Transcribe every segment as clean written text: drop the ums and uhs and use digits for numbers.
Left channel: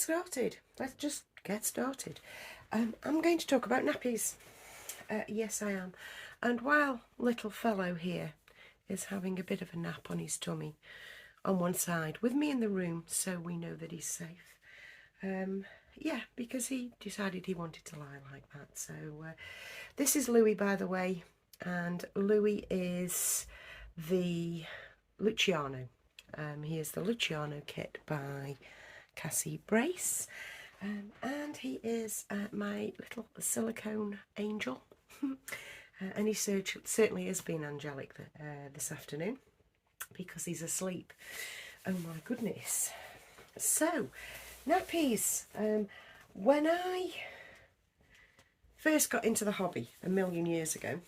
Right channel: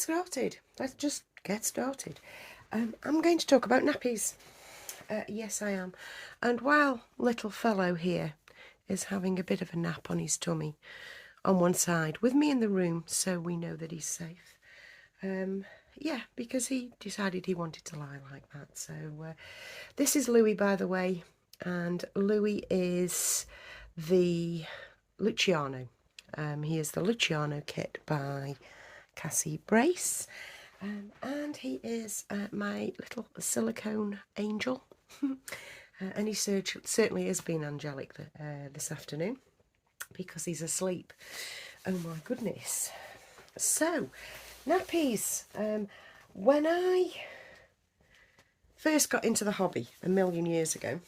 started. Let's just get started. I'm going to talk about nappies. Yes, I am. And while little fellow here is having a bit of a nap on his tummy on one side with me in the room, so we know that he's safe. Yeah, because he decided he wanted to lie like that. So this is Louis, by the way, and Louis is the Luciano. He is the Luciano kit by Cassie Brace, and he is my little silicone angel. And he certainly has been angelic this afternoon because he's asleep. Oh my goodness. So, nappies. When I first got into the hobby a million years ago,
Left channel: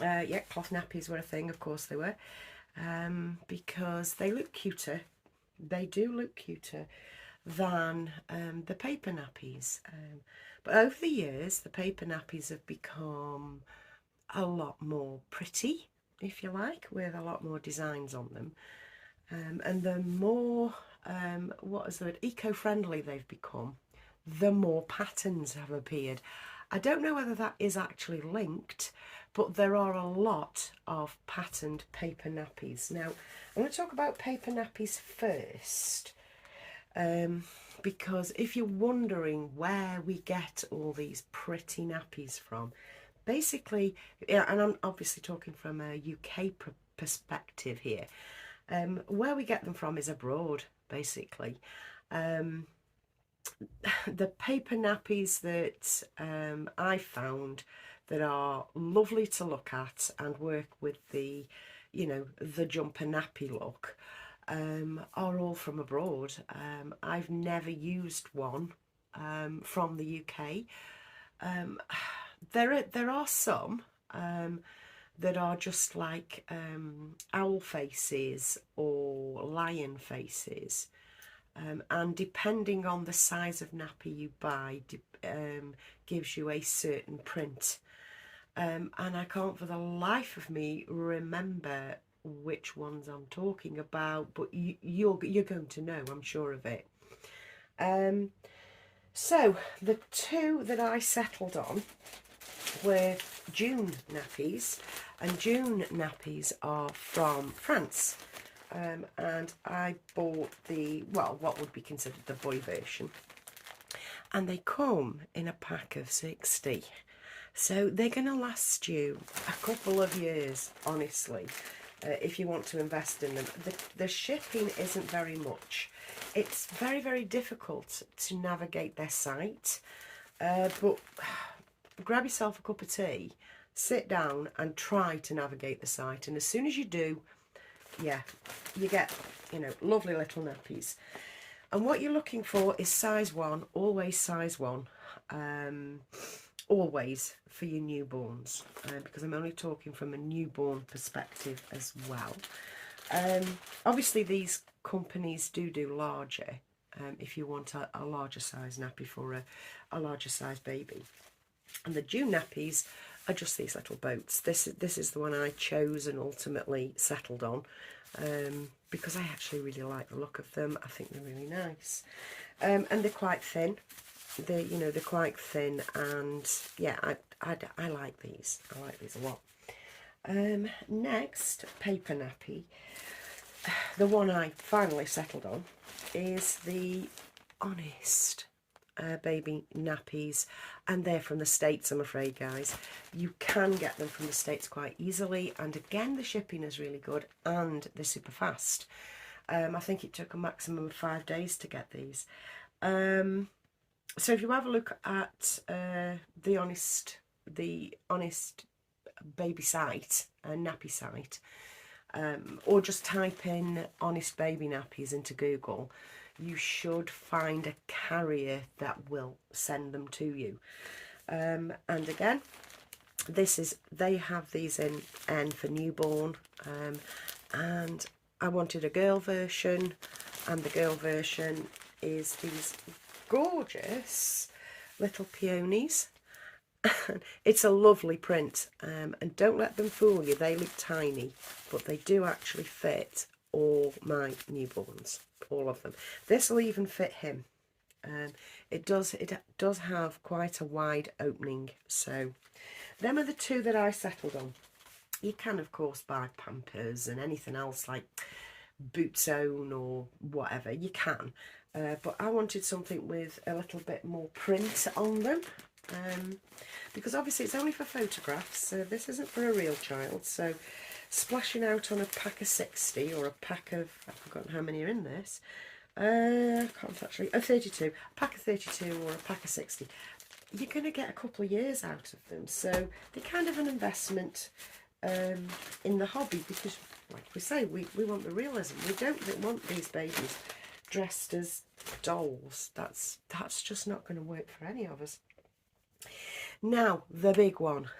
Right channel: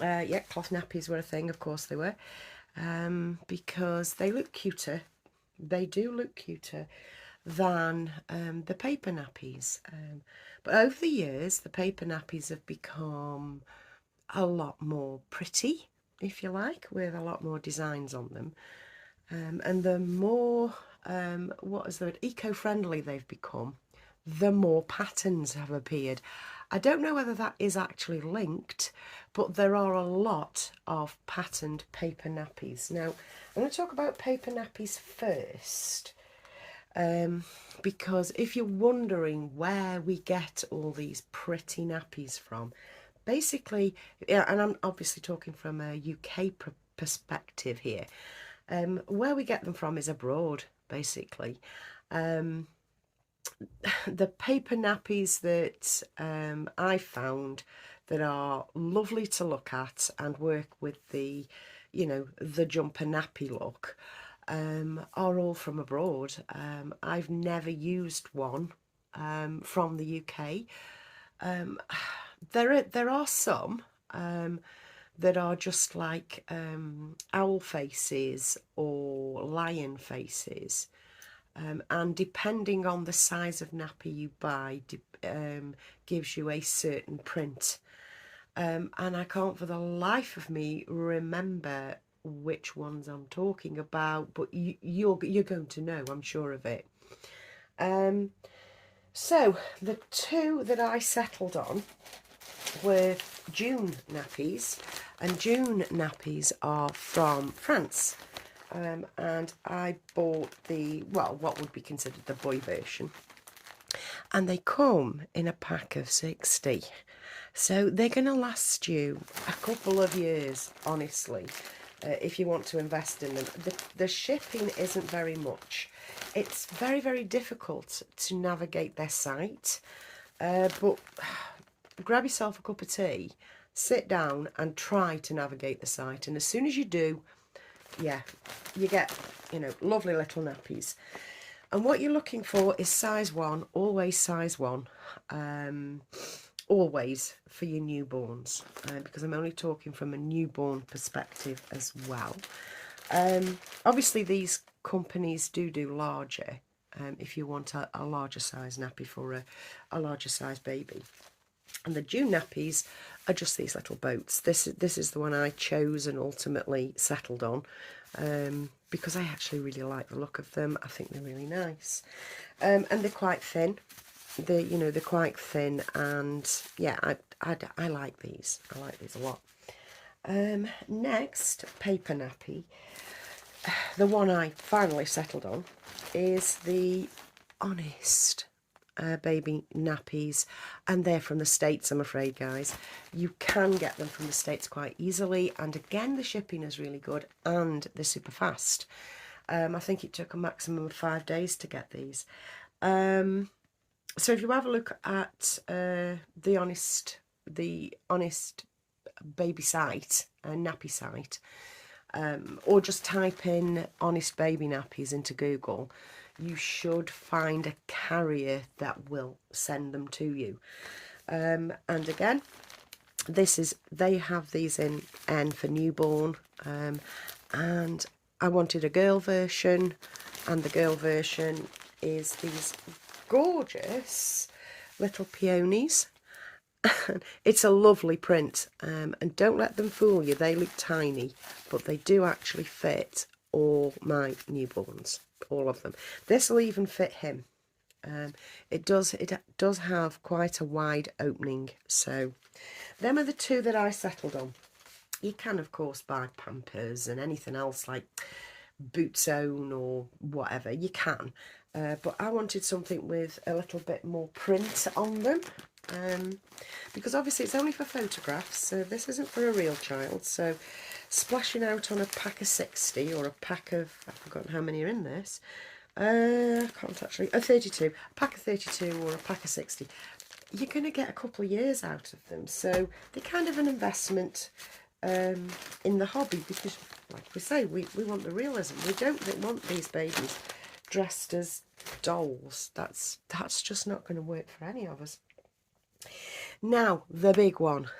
yeah, cloth nappies were a thing, of course they were, because they look cuter. They do look cuter than the paper nappies. But over the years, the paper nappies have become a lot more pretty, if you like, with a lot more designs on them. And the more, eco-friendly they've become, the more patterns have appeared. I don't know whether that is actually linked, but there are a lot of patterned paper nappies. Now, I'm going to talk about paper nappies first, because if you're wondering where we get all these pretty nappies from, basically, yeah, and I'm obviously talking from a UK perspective here, where we get them from is abroad, basically. The paper nappies that I found that are lovely to look at and work with the, the jumper nappy look, are all from abroad. I've never used one from the UK. There are some that are just like owl faces or lion faces. And depending on the size of nappy you buy, gives you a certain print. And I can't for the life of me remember which ones I'm talking about, but you're going to know, I'm sure of it. So the two that I settled on were June nappies, and June nappies are from France. And I bought what would be considered the boy version, and they come in a pack of 60, so they're going to last you a couple of years, honestly, if you want to invest in them. The shipping isn't very much. It's very, very difficult to navigate their site, but grab yourself a cup of tea, sit down and try to navigate the site, and as soon as you do, yeah, you get, lovely little nappies. And what you're looking for is size 1, always size 1, always for your newborns, because I'm only talking from a newborn perspective as well. Obviously these companies do larger, if you want a larger size nappy for a larger size baby. And the June nappies are just these little boats. This is the one I chose and ultimately settled on, because I actually really like the look of them. I think they're really nice, and they're quite thin. They're quite thin, and yeah, I like these. I like these a lot. Next, paper nappy. The one I finally settled on is the Honest baby nappies, and they're from the States, I'm afraid, guys. You can get them from the States quite easily, and again the shipping is really good and they're super fast. I think it took a maximum of 5 days to get these. So if you have a look at the Honest baby site, nappy site, or just type in Honest baby nappies into Google, you should find a carrier that will send them to you. And again, they have these in N for newborn, and I wanted a girl version, and the girl version is these gorgeous little peonies. It's a lovely print, and don't let them fool you. They look tiny, but they do actually fit all my newborns, all of them. This will even fit him. It does have quite a wide opening. So them are the two that I settled on. You can of course buy Pampers and anything else like Boot Zone or whatever, you can, but I wanted something with a little bit more print on them, because obviously it's only for photographs, so this isn't for a real child. So splashing out on a pack of 60 or a pack of, I've forgotten how many are in this, I can't actually, 32, a pack of 32 or a pack of 60, you're going to get a couple of years out of them. So they're kind of an investment in the hobby, because like we say, we want the realism. We don't want these babies dressed as dolls. That's just not going to work for any of us. Now the big one,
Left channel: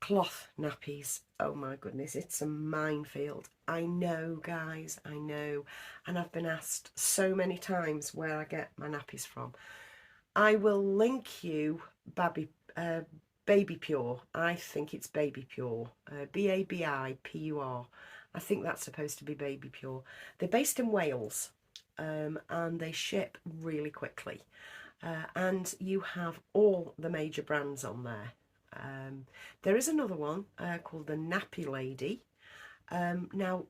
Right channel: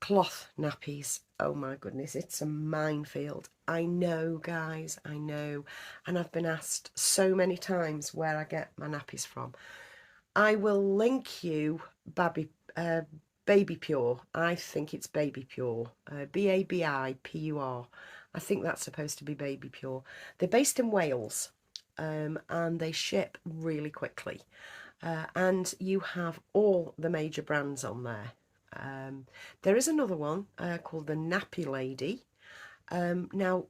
cloth nappies. Oh my goodness, it's a minefield. I know, guys, I know, and I've been asked so many times where I get my nappies from. I will link you Baby Pure. I think it's Baby Pure. Babipur. I think that's supposed to be Baby Pure. They're based in Wales, and they ship really quickly. And you have all the major brands on there. There is another one called the Nappy Lady. Now,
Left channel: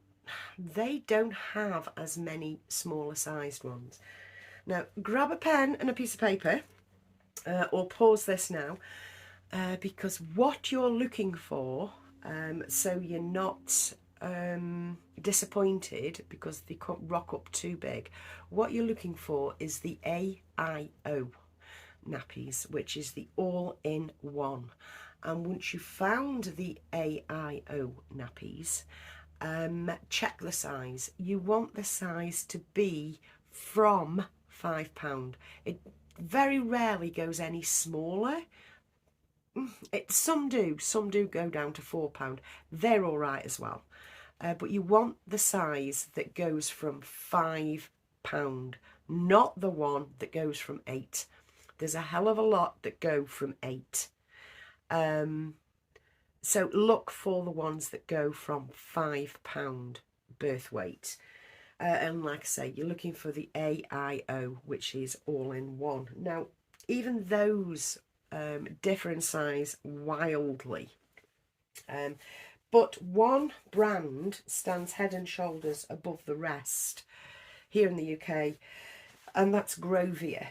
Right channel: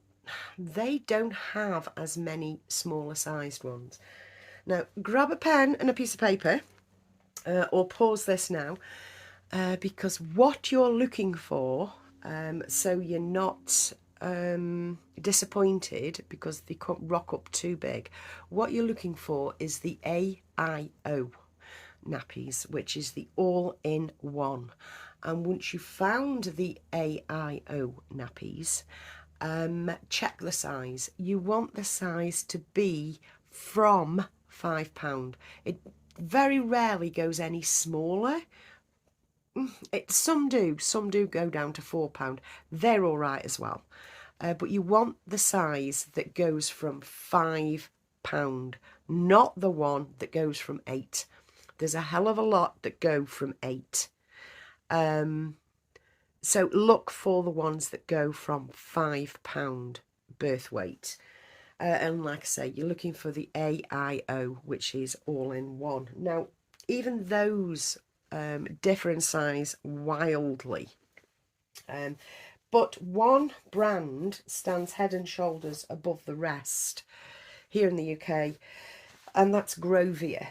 they don't have as many smaller sized ones. Now, grab a pen and a piece of paper, or pause this now, because what you're looking for, so you're not disappointed because they can't rock up too big, what you're looking for is the AIO nappies, which is the all-in-one. And once you've found the AIO nappies, check the size. You want the size to be from £5. It very rarely goes any smaller. Some do go down to £4. They're all right as well, but you want the size that goes from £5, not the one that goes from £8. There's a hell of a lot that go from £8. So look for the ones that go from £5 birth weight. And like I say, you're looking for the AIO, which is all in one. Now, even those differ in size wildly. But one brand stands head and shoulders above the rest here in the UK, and that's Groia.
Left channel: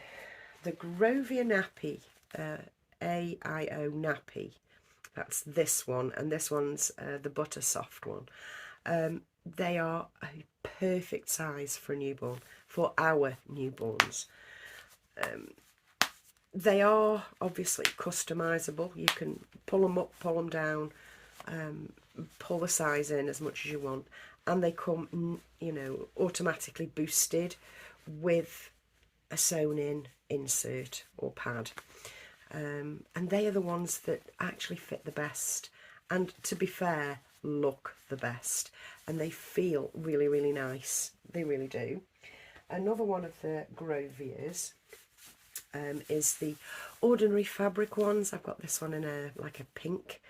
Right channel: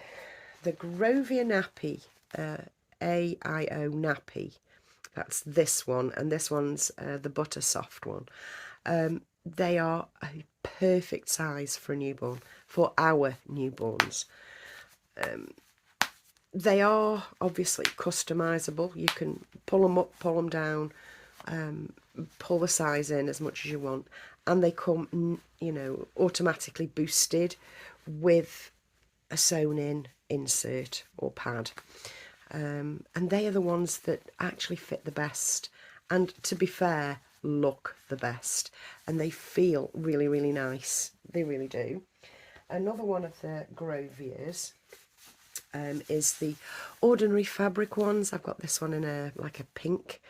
The Groia Nappy, AIO Nappy, that's this one, and this one's the butter soft one. They are a perfect size for a newborn, for our newborns. They are obviously customizable. You can pull them up, pull them down, pull the size in as much as you want, and they come, you know, automatically boosted with a sewn in insert or pad, and they are the ones that actually fit the best, and to be fair, look the best, and they feel really, really nice. They really do. Another one of the Grovias is the ordinary fabric ones. I've got this one in a like a pink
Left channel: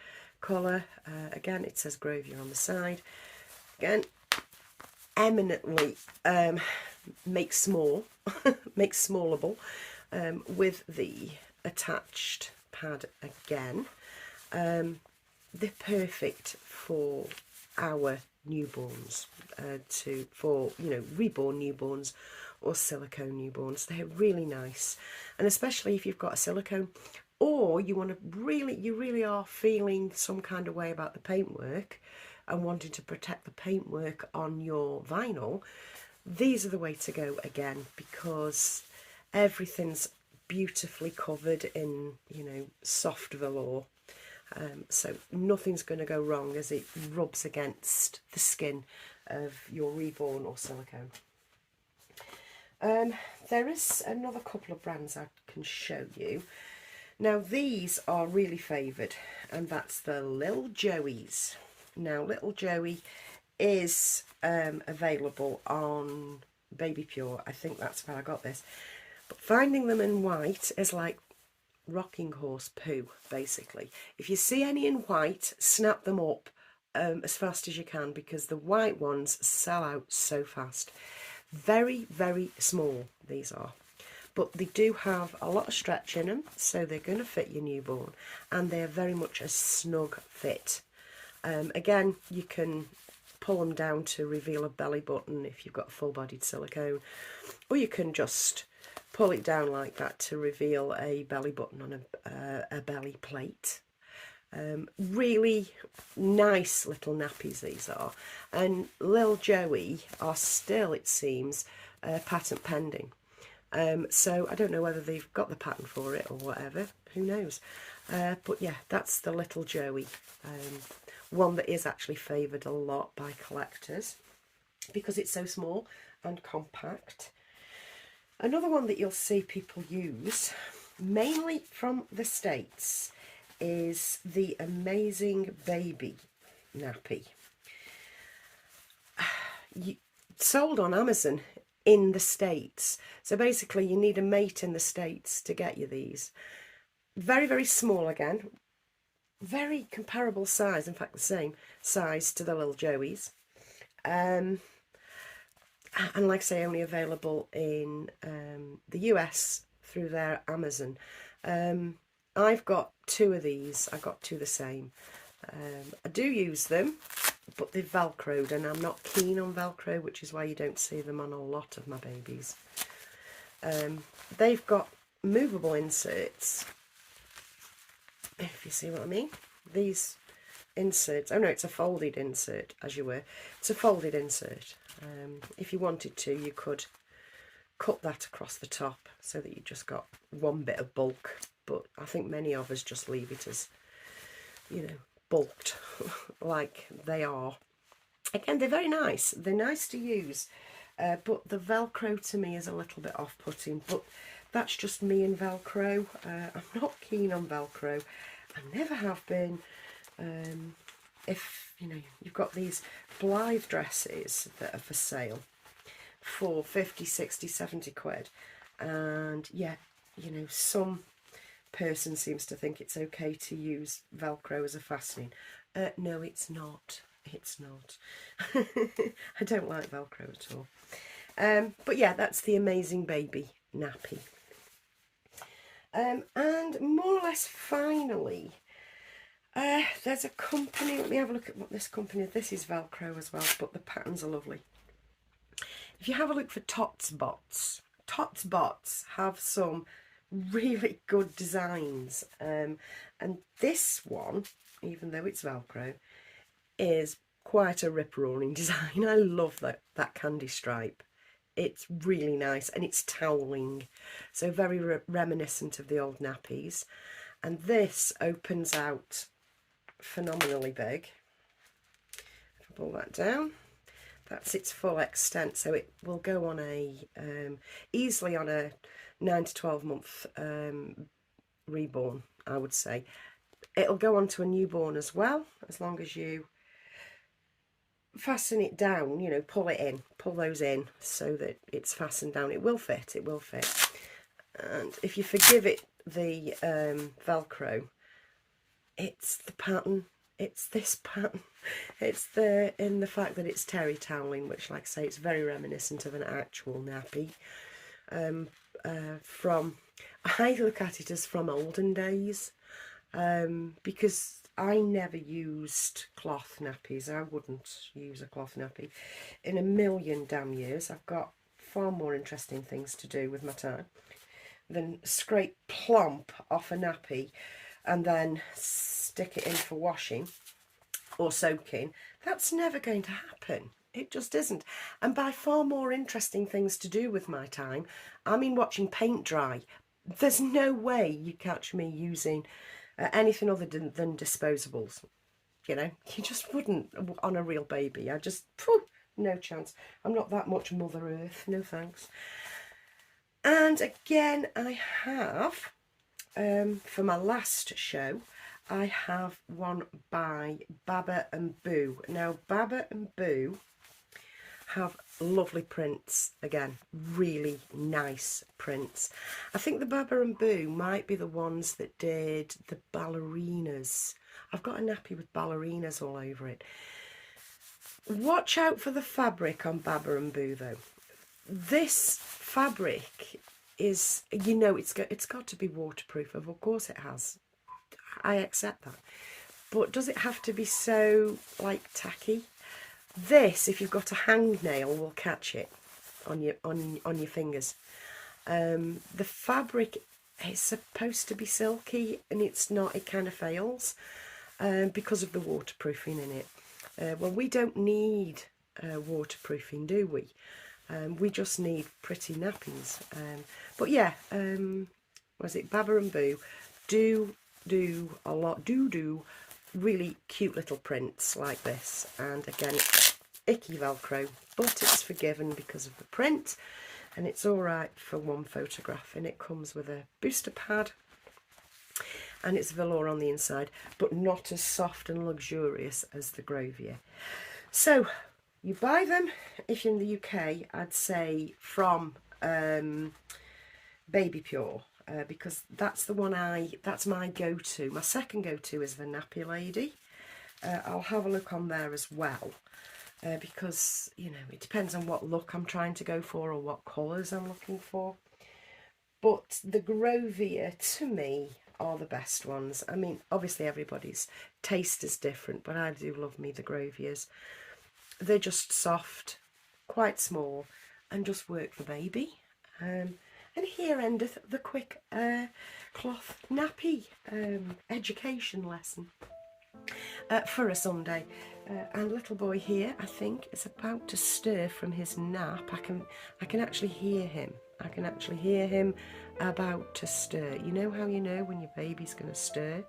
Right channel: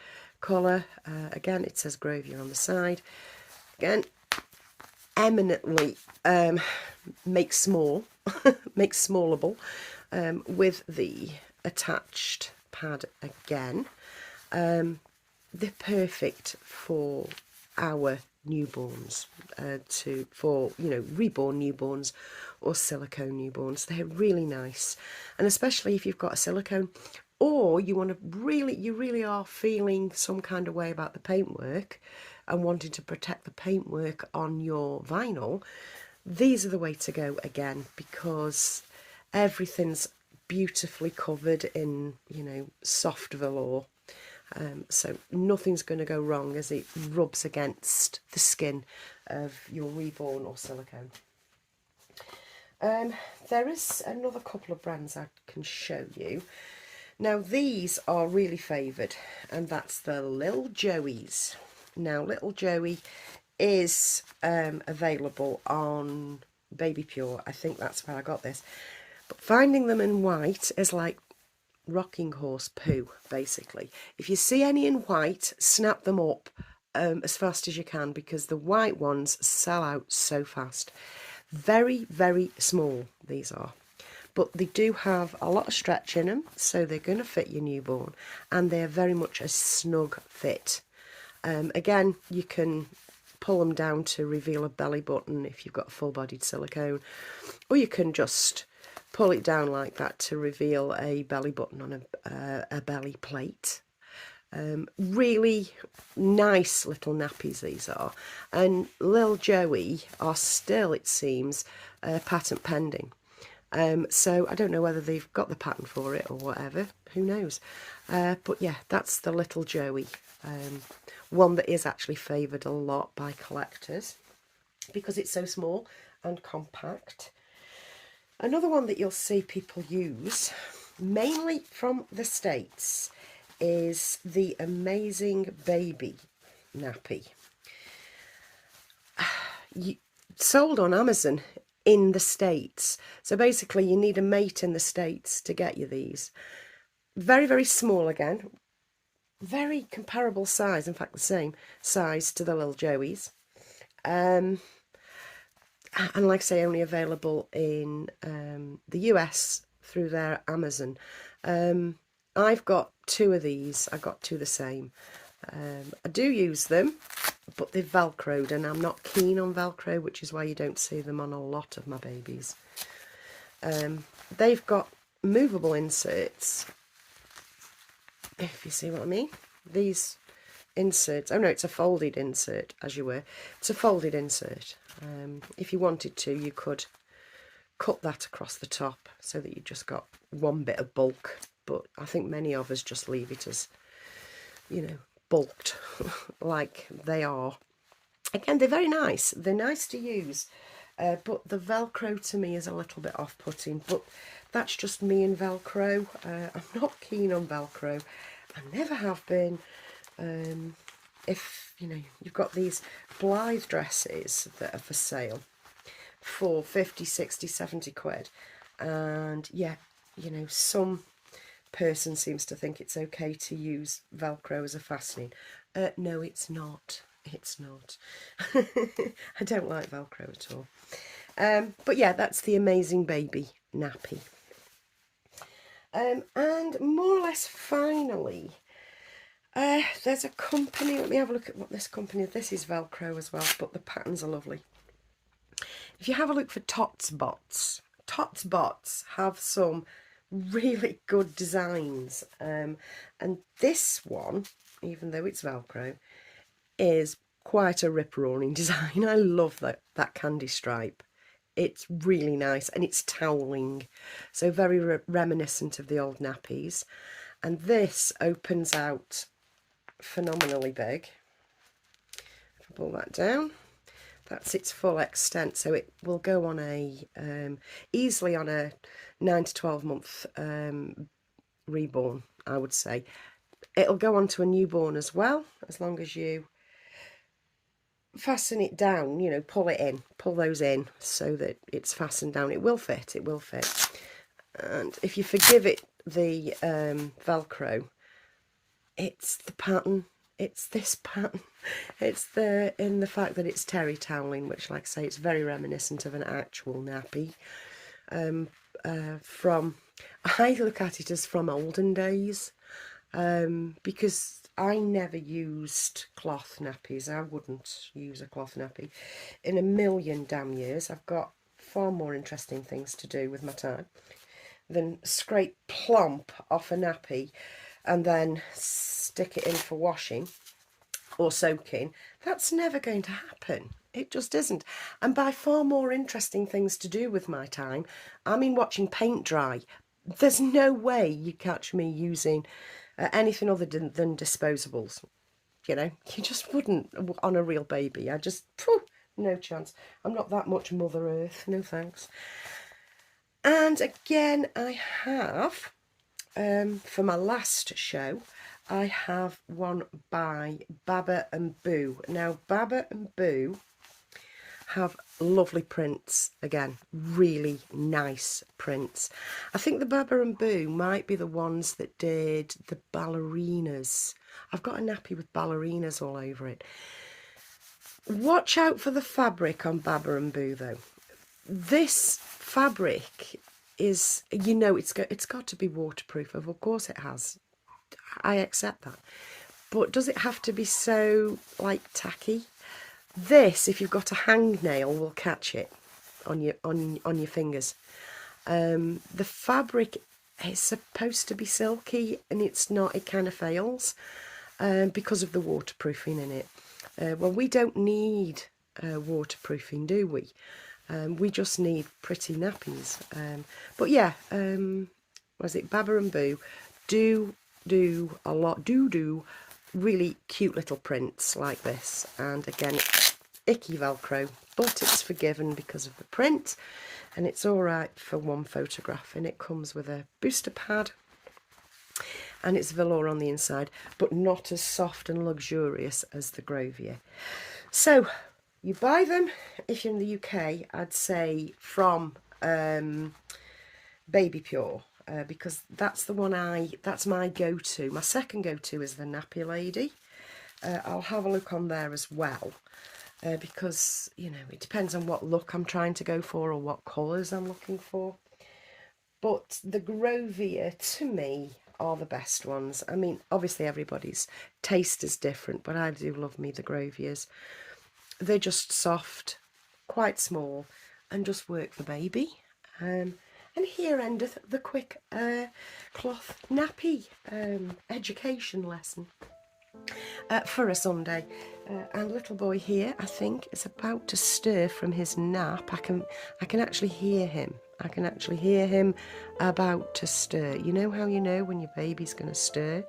colour. Again, it says Groia on the side. Again, eminently makes small, makes smallable, with the attached pad again. They're perfect for our newborns, for you know, reborn newborns or silicone newborns. They're really nice, and especially if you've got a silicone, or you want to you really are feeling some kind of way about the paintwork and wanting to protect the paintwork on your vinyl. These are the way to go again, because everything's beautifully covered in, you know, soft velour. So nothing's going to go wrong as it rubs against the skin of your Reborn or silicone. There is another couple of brands I can show you. Now these are really favoured, and that's the Little Joeys. Now Little Joey is available on Baby Pure. I think that's where I got this. But finding them in white is like rocking horse poo, basically. If you see any in white, snap them up as fast as you can, because the white ones sell out so fast. Very, very small these are. but they do have a lot of stretch in them, so they're going to fit your newborn, and they're very much a snug fit. Again, you can pull them down to reveal a belly button if you've got full-bodied silicone, or you can just pull it down like that to reveal a belly button on a belly plate. Really nice little nappies these are, and Lil Joey are still, it seems, patent pending. So I don't know whether they've got the patent for it or whatever, who knows. But yeah, that's the little Joey, one that is actually favoured a lot by collectors because it's so small and compact. Another one that you'll see people use, mainly from the States, is the Amazing Baby nappy. Sold on Amazon in the States. So basically you need a mate in the States to get you these. Very, very small again. Very comparable size, in fact the same size to the little Joeys. And like I say, only available in the US through their Amazon. I've got two of these. I got two the same. I do use them, but they're Velcroed, and I'm not keen on Velcro, which is why you don't see them on a lot of my babies. They've got movable inserts, if you see what I mean. These inserts, oh no, it's a folded insert, as you were. It's a folded insert. If you wanted to, you could cut that across the top so that you just got one bit of bulk, but I think many of us just leave it as, you know, bulked like they are. Again, they're very nice. They're nice to use, but the Velcro to me is a little bit off-putting, but that's just me and Velcro. I'm not keen on Velcro. I never have been. If, you know, you've got these Blythe dresses that are for sale for 50, 60, 70 quid, and yeah, you know, some person seems to think it's okay to use Velcro as a fastening. No, it's not. It's not. I don't like Velcro at all. But yeah, that's the Amazing Baby nappy. And more or less finally, there's a company, let me have a look at what this company is. This is Velcro as well, but the patterns are lovely. If you have a look for Tots Bots have some really good designs, and this one, even though it's Velcro, is quite a rip-roaring design. I love that candy stripe. It's really nice, and it's toweling, so very reminiscent of the old nappies. And this opens out phenomenally big. If I pull that down, that's its full extent, so it will go on a easily on a 9 to 12 month reborn, I would say. It'll go on to a newborn as well, as long as you fasten it down, you know, pull those in so that it's fastened down. It will fit. And if you forgive it the Velcro, it's the pattern. It's this pattern. It's in the fact that it's terry toweling, which, like I say, it's very reminiscent of an actual nappy. I look at it as from olden days, because I never used cloth nappies. I wouldn't use a cloth nappy in a million damn years. I've got far more interesting things to do with my time than scrape plump off a nappy and then stick it in for washing or soaking. That's never going to happen. It just isn't. And by far more interesting things to do with my time, I mean watching paint dry. There's no way you catch me using anything other than disposables. You know, you just wouldn't on a real baby. I just, no chance. I'm not that much Mother Earth, no thanks. And again, I have, for my last show, I have one by Baba and Boo. Now, Baba and Boo have lovely prints, again, really nice prints. I think the Baba and Boo might be the ones that did the ballerinas. I've got a nappy with ballerinas all over it. Watch out for the fabric on Baba and Boo though. This fabric is, you know, it's got to be waterproof. Of course it has. I accept that. But does it have to be so, like, tacky? This, if you've got a hangnail, will catch it on your fingers. The fabric is supposed to be silky, and it's not. It kind of fails because of the waterproofing in it. Well, we don't need waterproofing, do we? We just need pretty nappies. But yeah, was it Baba and Boo do a lot, do really cute little prints like this. And again, icky Velcro, but it's forgiven because of the print, and it's all right for one photograph. And it comes with a booster pad, and it's velour on the inside, but not as soft and luxurious as the Groia. So you buy them, if you're in the UK, I'd say from Baby Pure, because that's the one that's my go-to. My second go-to is the Nappy Lady. I'll have a look on there as well, because, you know, it depends on what look I'm trying to go for or what colours I'm looking for. But the Groia, to me, are the best ones. I mean, obviously everybody's taste is different, but I do love me the Groias. They're just soft, quite small, and just work for baby. And here endeth the quick cloth nappy education lesson for a Sunday. And little boy here, I think, is about to stir from his nap. I can actually hear him. I can actually hear him about to stir. You know how you know when your baby's going to stir?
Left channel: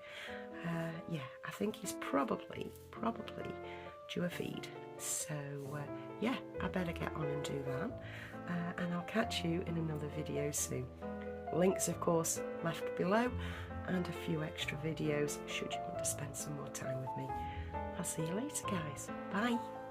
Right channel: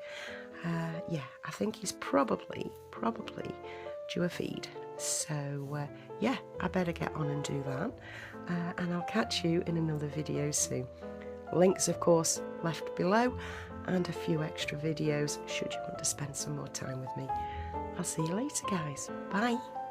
Yeah, I think he's probably due a feed. So yeah, I better get on and do that. And I'll catch you in another video soon. Links, of course, left below, and a few extra videos should you want to spend some more time with me. I'll see you later, guys. Bye.